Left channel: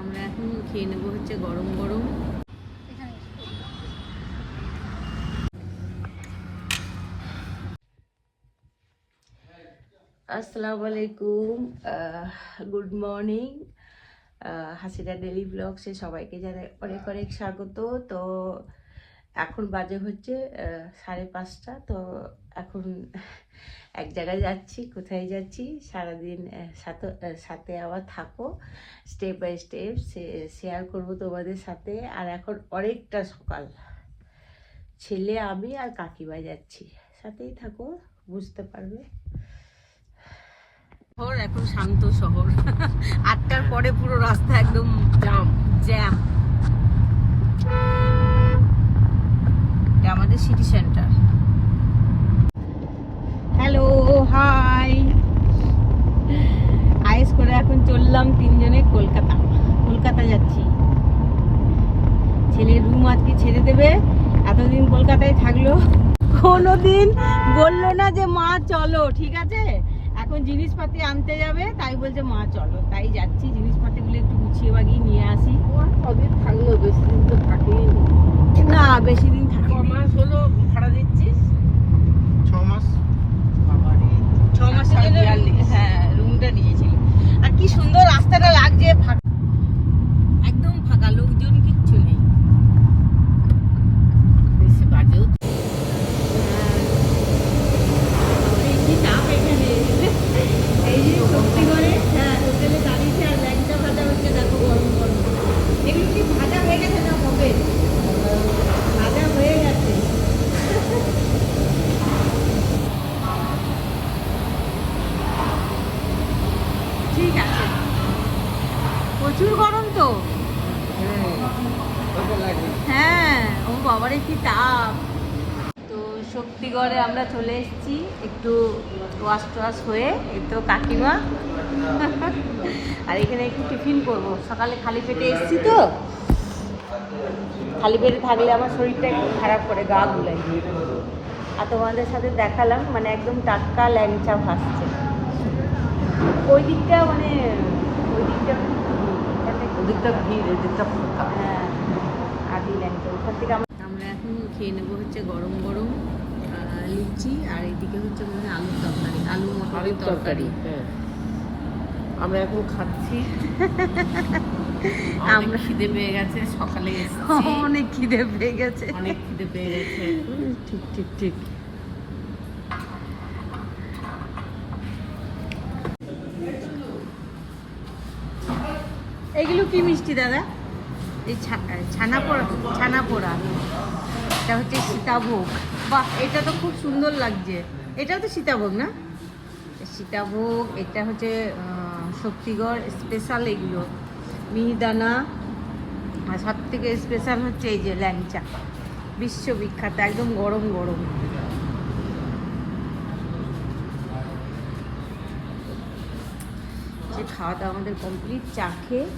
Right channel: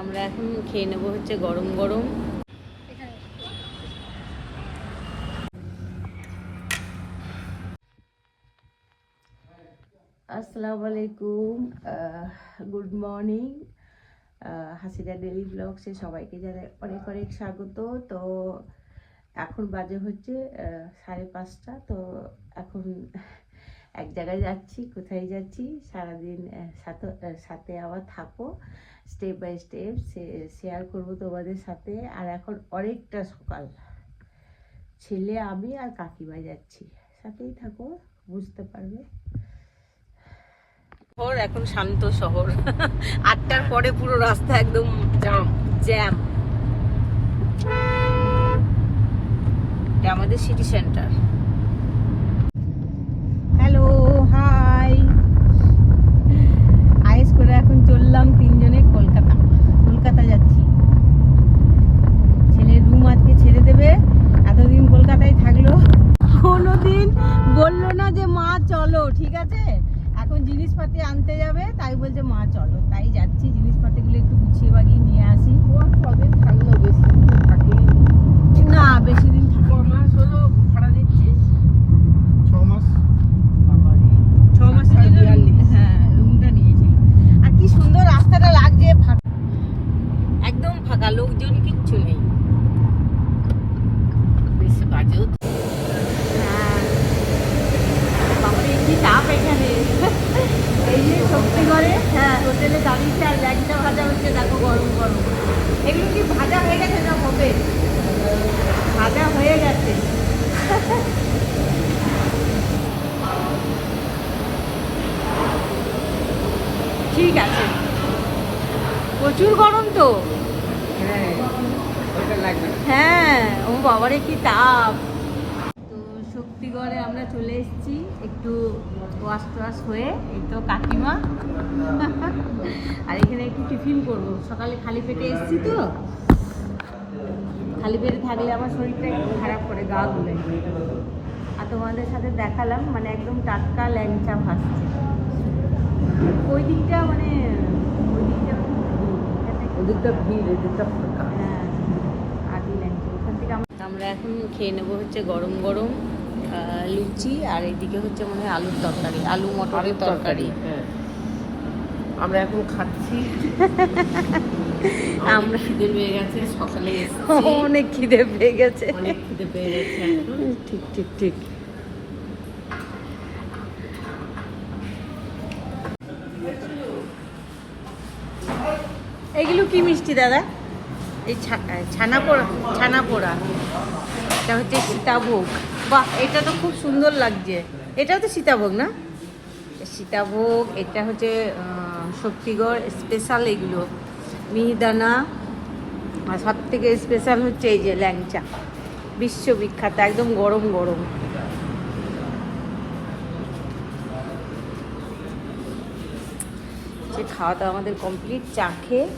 আমরা এখন খেয়ে নেবো হচ্ছে গরম গরম। আসসালামু আলাইকুম, গুড মর্নিং। হাসিরা ডেলি ব্লগসে সবাইকে জানাই অনেক অনেক স্বাগত। তো এখন বাজে হচ্ছে 5:30। তো এখন এক জায়গায় যাচ্ছি। কোথায় যাচ্ছি সারাদিন সাথে আবার থাকো, স্টেপ বাই স্টেপ শেয়ার করবো তোমাদের সাথে। আর এখন অনেকটা সকাল, ছেলে আমি আর কাকিমা যাচ্ছি, সাথেই থাকো, বুঝতে পারবে। এখন শান্ত শহর। 8টার পরে পুরো রাস্তা একদম জ্যাম। এটা আমাদের সিটি সেন্টার। Hello, hi. আইস করে এখন চললাম তিনজনে কলকাতা যাচ্ছি। ছেলের রুম আজকে ছেড়ে দেবে। এতদিন কলকাতায় থাকলো, কোনোদিন বললো না যে মা চলো, ঠিক আছে। এখন জিনিসপাতি আনতে যাবে, তাই বলছে মা চলো, তাই যাচ্ছি। জিনিসপাতিগুলো একটু গুছিয়ে বাগিয়ে নিয়ে আসি। কদিন থাকলো? বেশি দিন তো থাকেই না, বেশি দিন থাকে। 6 মাস হলো ভাড়া দিচ্ছিস? 6 মাস। 6 মাসের জন্য হ্যাঁ রুমটা নিয়েছিল। আর কি সুন্দর রাস্তাটা লাগছে, একদম ফাঁকা, লোকজন কিচ্ছু নেই। বেশি বাজেও এই যে শক্তিগড়ে হোটেলে দাঁড়িয়েছে আর ল্যাংচা ভাজা হচ্ছে, দেখো গরম গরম। এগুলো কি ভাজা হয়ে গেছে না হবে? ভাজা হয়ে গেছে। ঠিক আছে, প্রচুর গরম তো। হ্যাঁ, ও বাবারে কি তাপ। তো শক্তিগড়ে আমরা চলে এসেছি, একটু ওয়াশ হয়ে। এই তো কাকিমা। আর এখানে একটু টিফিন করবো। সকালে খালি পেটে এসেছি তো, খালি পেটে থাকলে আমার শরীরটা একটু খারাপ করে, গা গুলাই। আর তোমাদের সাথে দেখালাম, মানে একদম টাটকা ল্যাংচা ভাসছে। ওই দিকটা খুব হ্যাঁ আদি ল্যাংচা। ওখান থেকে আমরা এখন খেয়ে নেবো হচ্ছে গরম গরম লুচি। আর এদিকে হচ্ছে মনে হয় আলুর তরকারি, আলু মটরের তরকারি। আমরা এখন খাচ্ছি। আমরা খিদে পেয়ে গেছে, সকালে অনেক খিদে পেয়ে গেছে। ঠিক। এগুলো কি মিষ্টি দাদা? এই ছানা পোড়া। এটা হচ্ছে সীতাভোগ। বাহ, এটা তো খুব সুন্দর লাগছে। এটাও তো সীতাভোগ না? সীতাভোগ। এটা হচ্ছে শক্তিগড় স্পেশাল এগুলো, মিহিদানা। আর সব থেকে স্পেশাল হচ্ছে এই যে ল্যাংচা, বিশ্ববিখ্যাত, একদম গরম গরম। যে খাওয়া দাওয়া আমাদের কমপ্লিট, চা খেয়ে।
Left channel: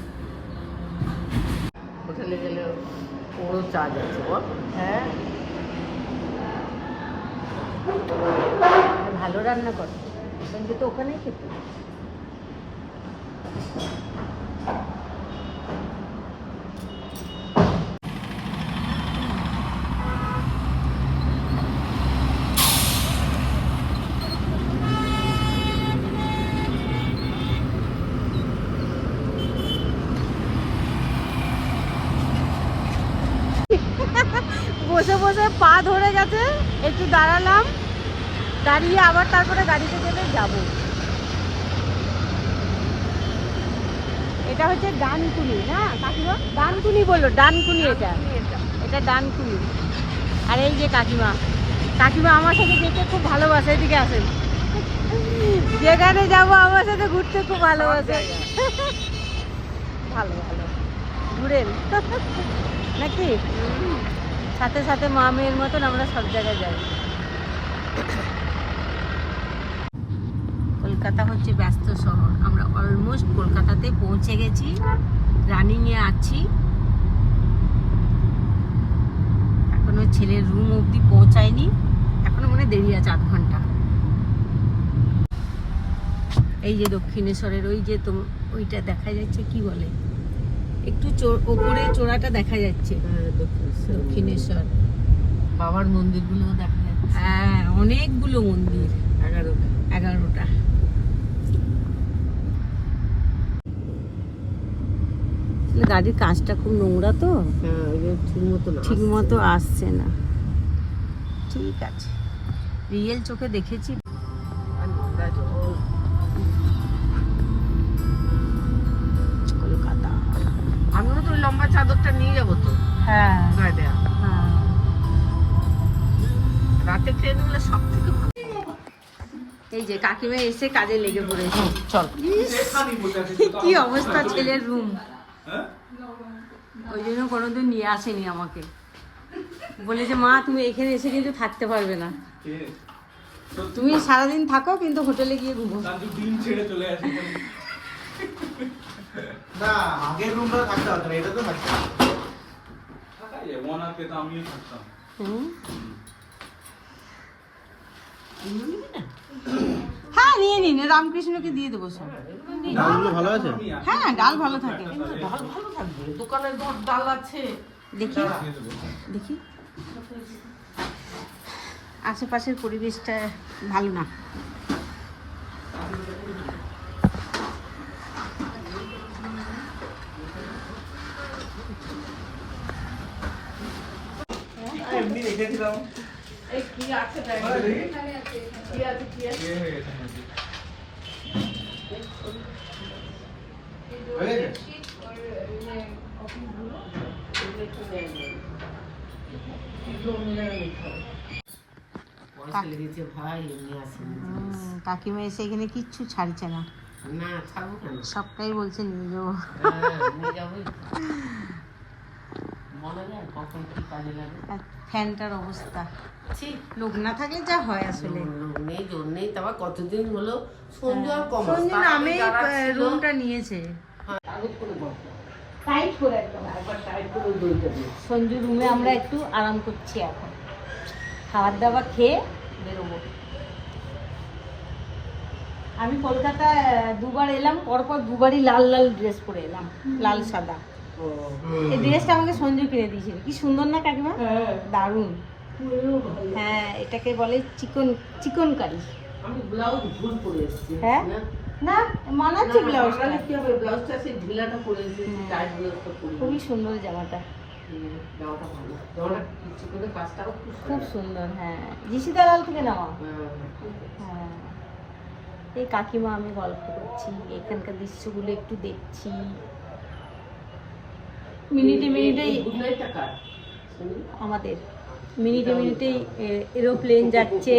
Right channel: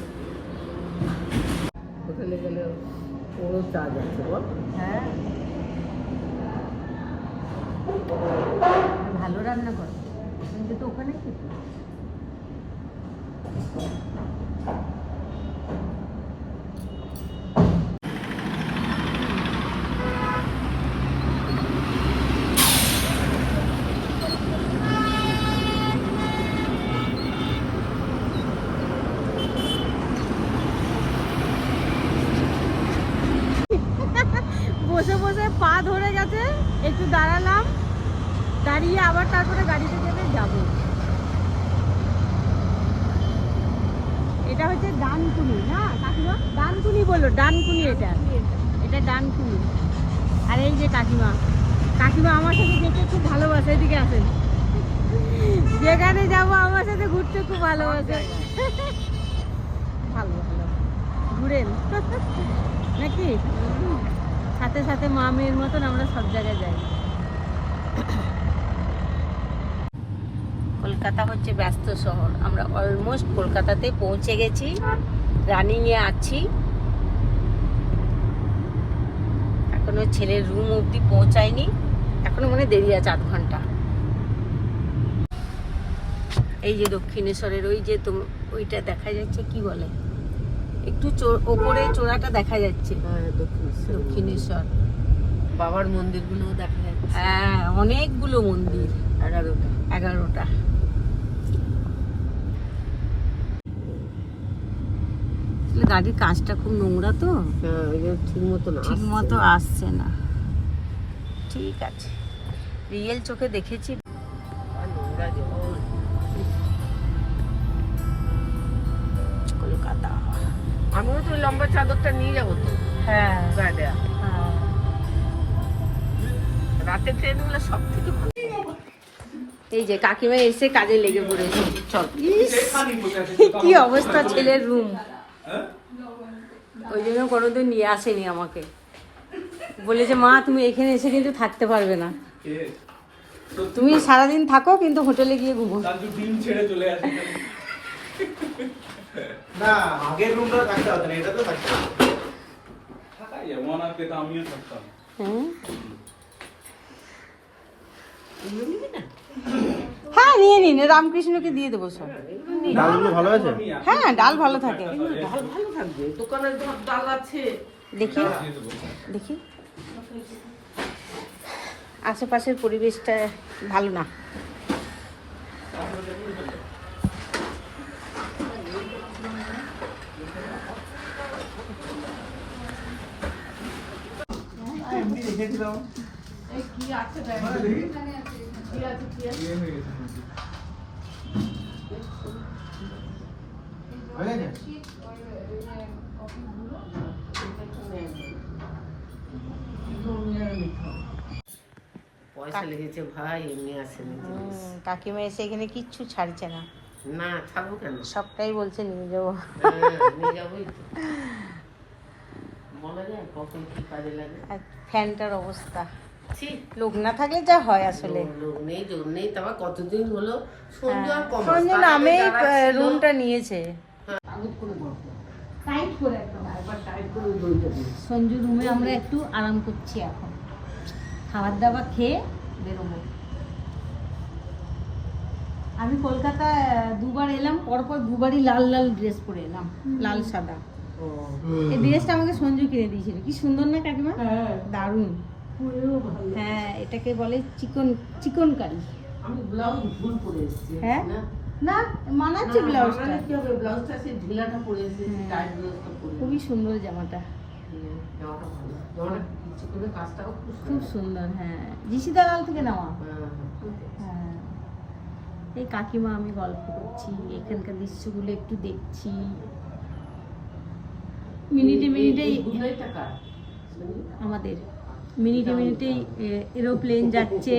হ্যাঁ, ভালো রান্না করে, কিন্তু তো ওখানেই খেতে। বসে বসে পা ধরে গেছে, একটু দাঁড়ালাম, দাঁড়িয়ে আবার তারপরে গাড়িতে গেলে যাবো। এটা হচ্ছে ডানকুনি না কাকিমা? ডানকুনি বললো, ডানকুনি। এটা ডানকুনি। আর এই যে কাকিমা আমার সাথে যেতে খুব ভালোবাসে। এদিকে আসেন, যেখানে যাবো আমার সাথে ঘুরতে খুব ভালোবাসে। ভালো ঘুরেন নাকি? সাথে সাথে মা মেয়ের মতন আমরা সব জায়গায় যাই। কলকাতা হচ্ছে ব্যস্ত শহর। আমরা অলমোস্ট কলকাতাতে পৌঁছে গেছি, রানিংয়ে আছি। এখনো ছেলের রুম অবধি পৌঁছায়নি, এখনো মনে দেরি আছে 8 ঘন্টা। এই যে দক্ষিণেশ্বরের ওই যে ওইটা দেখা যাচ্ছে, কি বলে একটু ওপরে চূড়াটা দেখা যাচ্ছে। হ্যাঁ, দক্ষিণেশ্বর বাবার মন্দিরগুলো দেখা যাচ্ছে। হ্যাঁ, অনেকগুলো মন্দির, 11টা। গাড়ির কাঁচটা খুব নোংরা তো, হ্যাঁ, ওই যে ঠিক মতো আসছে না। ঠিক আছে, রিয়েল চোখে দেখেছি। নোংরা জল। আমিও তো ওই লম্বা চাদরটা নিয়ে যাবো তো হ্যাঁ গায়ে দেয়া। রাতে ট্রেন হলে সব থেকে ভালো। এই যে কাকিমা এসে কাজে লেগে পড়েছে। চল, কি অবস্থা ছেলের রুম। ওই জন্য কোনোদিন নিয়ে আসেনি আমাকে, বলেছে মা তুমি এখানে এসে কিন্তু থাকতে পারবে না, তুমি সারাদিন থাকো কিন্তু হোটেলে গিয়ে ঘুমো। না, আগের রুমটাও থাকতে হতো না, এটা তো থাকতে হতো। হ্যাঁ নিয়ে নিন, রামকৃষ্ণকে দিয়ে দেবো সব। ডালগুলো ভালো আছে? হ্যাঁ ডাল ভালো থাকে। ভালো থাকবে, দোকানের ডাল আছে। দেখি দেখি, আশেপাশের পরিবেশটা ভালো না। এমনি রেখেছিলাম। এই কি আছে দেখ, কি আছে কি আছে। হয়ে গেছে? পয়সা লেগেছে ভাই, এমনি আসেনি জিনিস। কাকিমা এসে এখানে কিচ্ছু ছাড়ছে না, না, ছাড়বো কেন? সবটাই বলছে নিয়ে যাবো। হ্যাঁ, নিয়ে যাবোই তো। বলা যায় কখন কি কাজে লাগে। আর ফ্যানটার অবস্থা, ঠিক লোক না থাকলে যা হয় আসলে। লোক নেই, জোর নেই, তারপর কতদিন হলো সঞ্জু আর কম সঞ্জু নামে রুমটা নিয়েছে। কাগজ করে বল, টাইট করে একদম। একবার টাইট করে দই যাবে। সঞ্জু রুমে আমরা একটু আরাম করছি এখন, খাবার দাবার খেয়ে বেরোবো। আমি কলকাতায় দুবার এলাম, পরপর দুবারই লাল লাল ড্রেস পরে এলাম, লাল সাদা। এই ড্রেসটা আমাকে সঞ্জু কিনে দিয়েছিল, কি সুন্দর না কাকিমা? দারুণ। হ্যাঁ, এটাকে বলে চিকন কারি। আমি ব্লাউজ ভুল পরে এসেছি। হ্যাঁ না, মানাচ্ছে ব্লাউজটা, ব্লাউজটা সেই ঢিলাটা পরে এসেছি, টাইট ব্লাউজটা পরে। খুবই সুন্দর জামাটা, জামাটা ভালো, জামাটা কিছু করে কাজটাও খুব সুন্দর। হ্যাঁ, জিসি দালাল থেকে নেওয়া। হ্যাঁ, এই কাকিমা আমি গল্প করছি, এখানকার দৃশ্যগুলো একটু দেখছি। মিনিটে মিনিটেই আমাদের মিনিটে মিনিটেই এরোপ্লেন যাচ্ছে।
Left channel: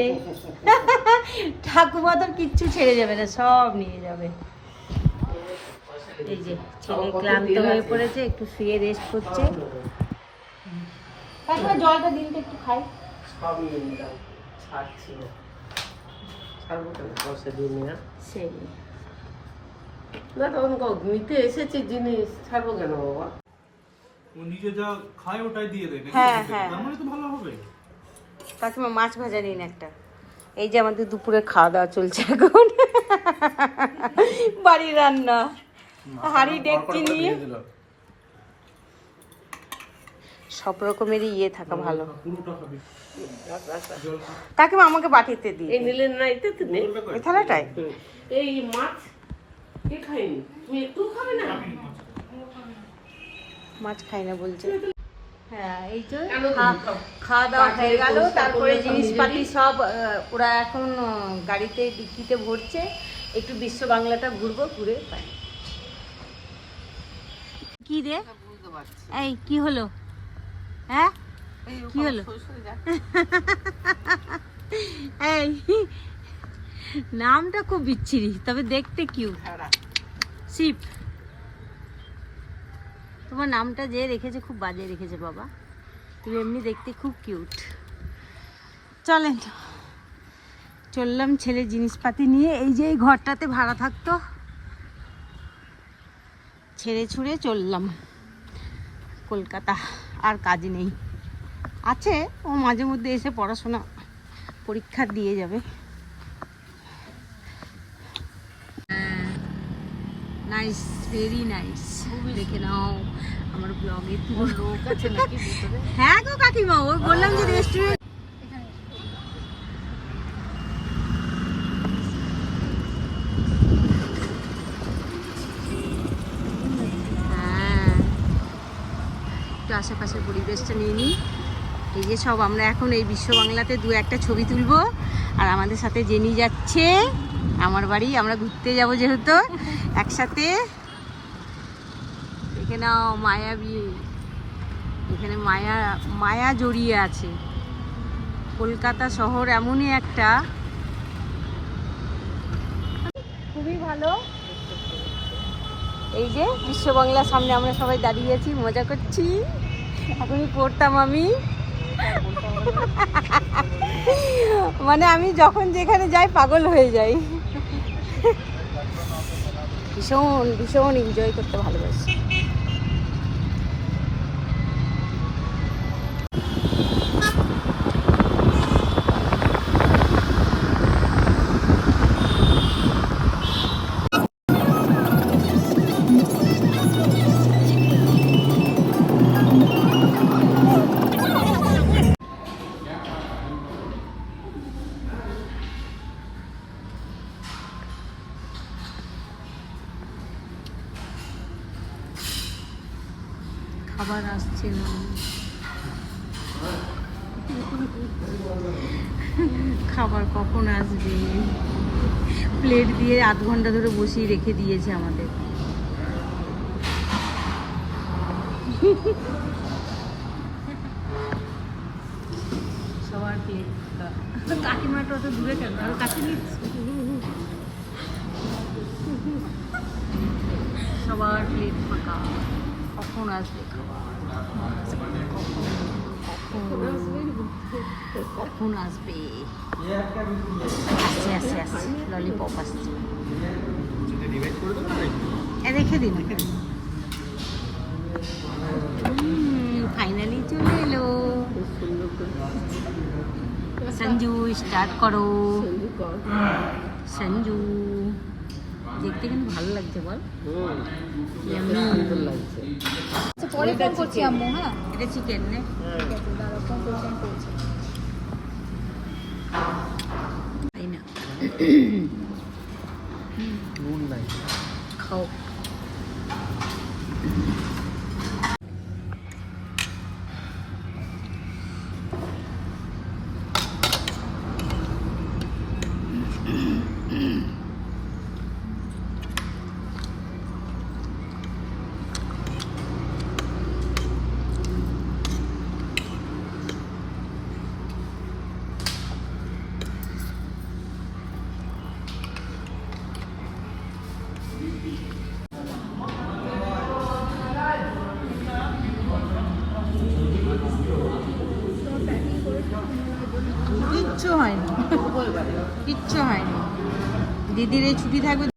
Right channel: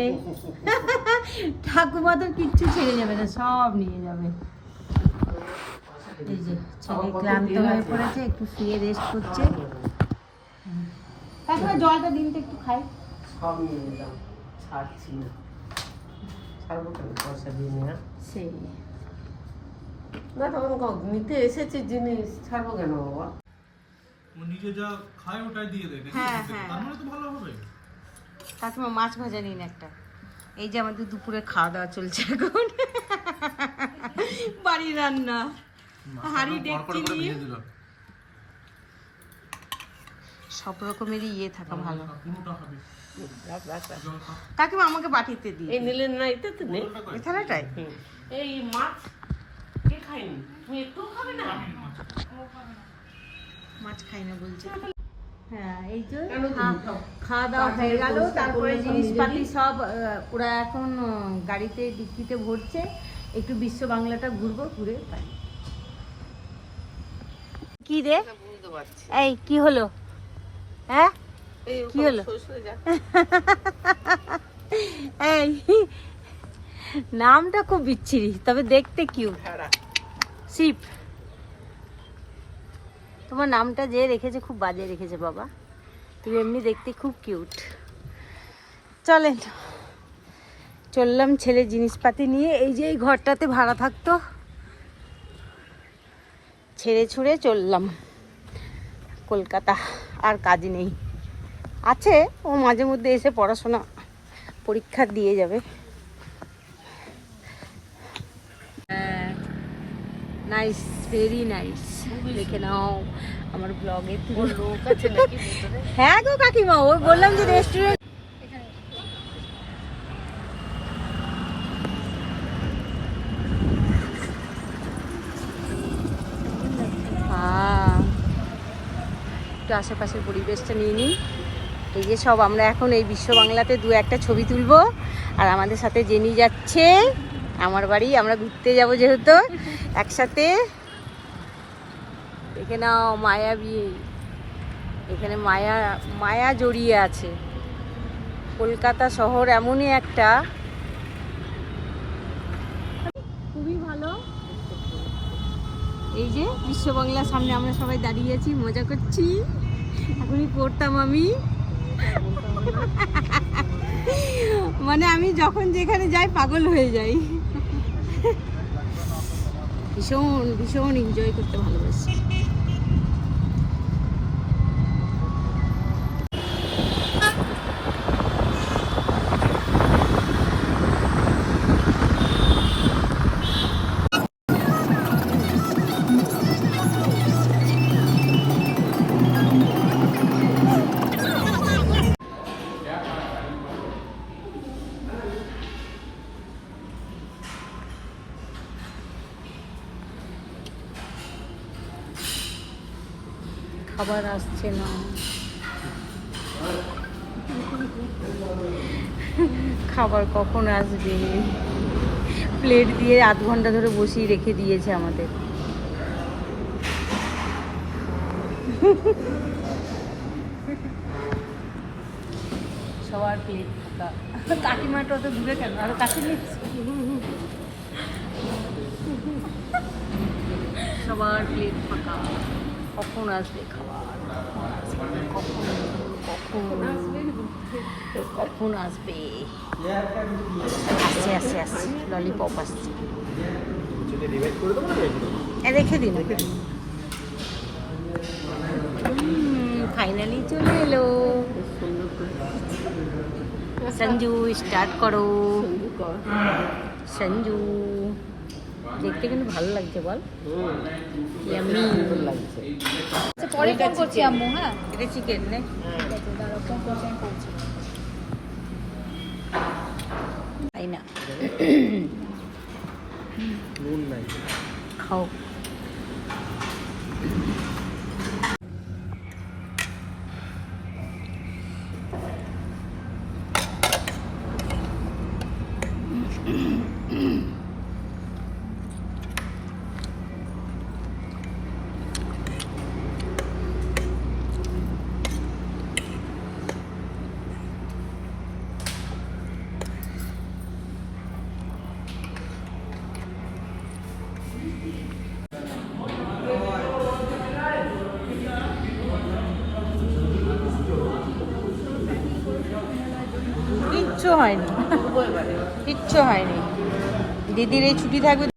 ঠাকুমা তো কিচ্ছু ছেড়ে যাবে না, সব নিয়ে যাবে। এই যে ছেলে ক্লান্ত হয়ে পড়েছে, একটু শুয়ে রেস্ট করছে। কাকিমা জলটা দিন তো একটু খাই। সব নিয়ে নিলাম, ছাড়ছি না। ছাড়বো কেন, পয়সা দিয়ে নিয়ে। সেই না, তখন নিতে এসেছি জিনিস, ছাড়বো কেন বাবা? ও নিজে যা খায় ওটাই দিয়ে দেবে। হ্যাঁ, হ্যাঁ। তার মানে তো ভালো হবে। কাকিমা মাছ ভাজা নিন একটা। এই যে আমাদের দুপুরে খাওয়া দাওয়া চলছে এখন, বাড়ির রান্না, হাঁড়ি ডেকচি নিয়ে সব রকমেরই ইয়ে থাকা ভালো। কাকিমা আমাকে বাটিতে দিই, এই নিলেন না, এটা তো নেই। এই থালাটায়। এই মাছ কে খায়নি, তুমি একটু খাবে না? মাছ খাই না বলছে। হ্যাঁ, এই যে কেন তুমি খাও? খাওয়া দাওয়া হয়ে গেল, তারপরে জিনিসপাতি সব ওরা এখন গাড়িতে ডিক্কিতে ভরছে। একটু বিশ্ব বাংলাটা ঘুরবো, ঘুরে পাই। কি রে, বুঝতে পারছি। এই কি হলো? হ্যাঁ এই কি হলো? সরষে যা। এই নামটা খুব বিচ্ছিরি, তবে দেখতে কিউট। ভেড়া। শিপ। তোমার নামটা যে রেখেছে খুব বাজে রেখেছে বাবা, তুমি এমনি দেখতে খুব কিউট। চলেন, চললাম ছেলে জিনিসপাতি নিয়ে। এই যে এই ঘরটাতে ভাড়া থাকতো, ছেড়ে ছুড়ে চললাম কলকাতা। আর কাজ নেই, আছে ও মাঝে মধ্যে এসে পড়াশোনা পরীক্ষা দিয়ে যাবে। Nice, very nice. দেখে নাও আমার ব্লগে লোক আছে নাকি ভেতরে? হ্যাঁ গো কাকিমা, ওই বললাম যে রেস্টুরেন্ট। হ্যাঁ, একটু আশেপাশের পরিবেশটা নিয়ে নিই। এই যে সব আমরা এখন এই বিশ্ব বাংলাতে দু একটা ছবি তুলবো, আর আমাদের সাথে জেনি যাচ্ছে আমার বাড়ি, আমরা ঘুরতে যাব যেহেতু একসাথে। দেখে নাও মায়াবী, এখানে মায়া মায়া জড়িয়ে আছে। কলকাতা শহর এমনই একটা, খুবই ভালো। এই যে বিশ্ব বাংলার সামনে আমরা সবাই দাঁড়িয়ে আছি, মজা করছি। এখনই পড়তাম আমি, মানে আমি যখন যেখানে যাই পাগল হয়ে যাই। ভীষণ ভীষণ এনজয় করতে ভালোবাসি। খাবার আসছে না, খাবার কখন আসবে? প্লেট দিয়ে আধ ঘন্টা ধরে বসিয়ে রেখে দিয়েছে আমাদের। সবার প্লেট কাকিমাটা তো দূরে থাকবে, আরো কাছে সবার প্লেট ফাঁকা। কখন আসবে খাবার? কখন কখন কখন আসবে? আসছে আসছে আসছে, ললিপপ আসছে। রেখে দিন, ফাইনালি চলে এলো। সঞ্জু স্টার্ট করো। সঞ্জু, দেখতে কিন্তু ভালো লাগছে বল। ইয়াম্মি। এটা চিকেন নে, তাই না? খাও। কিচ্ছু হয়নি, কিচ্ছু হয়নি। দিদির এই ছুটি থাকবে।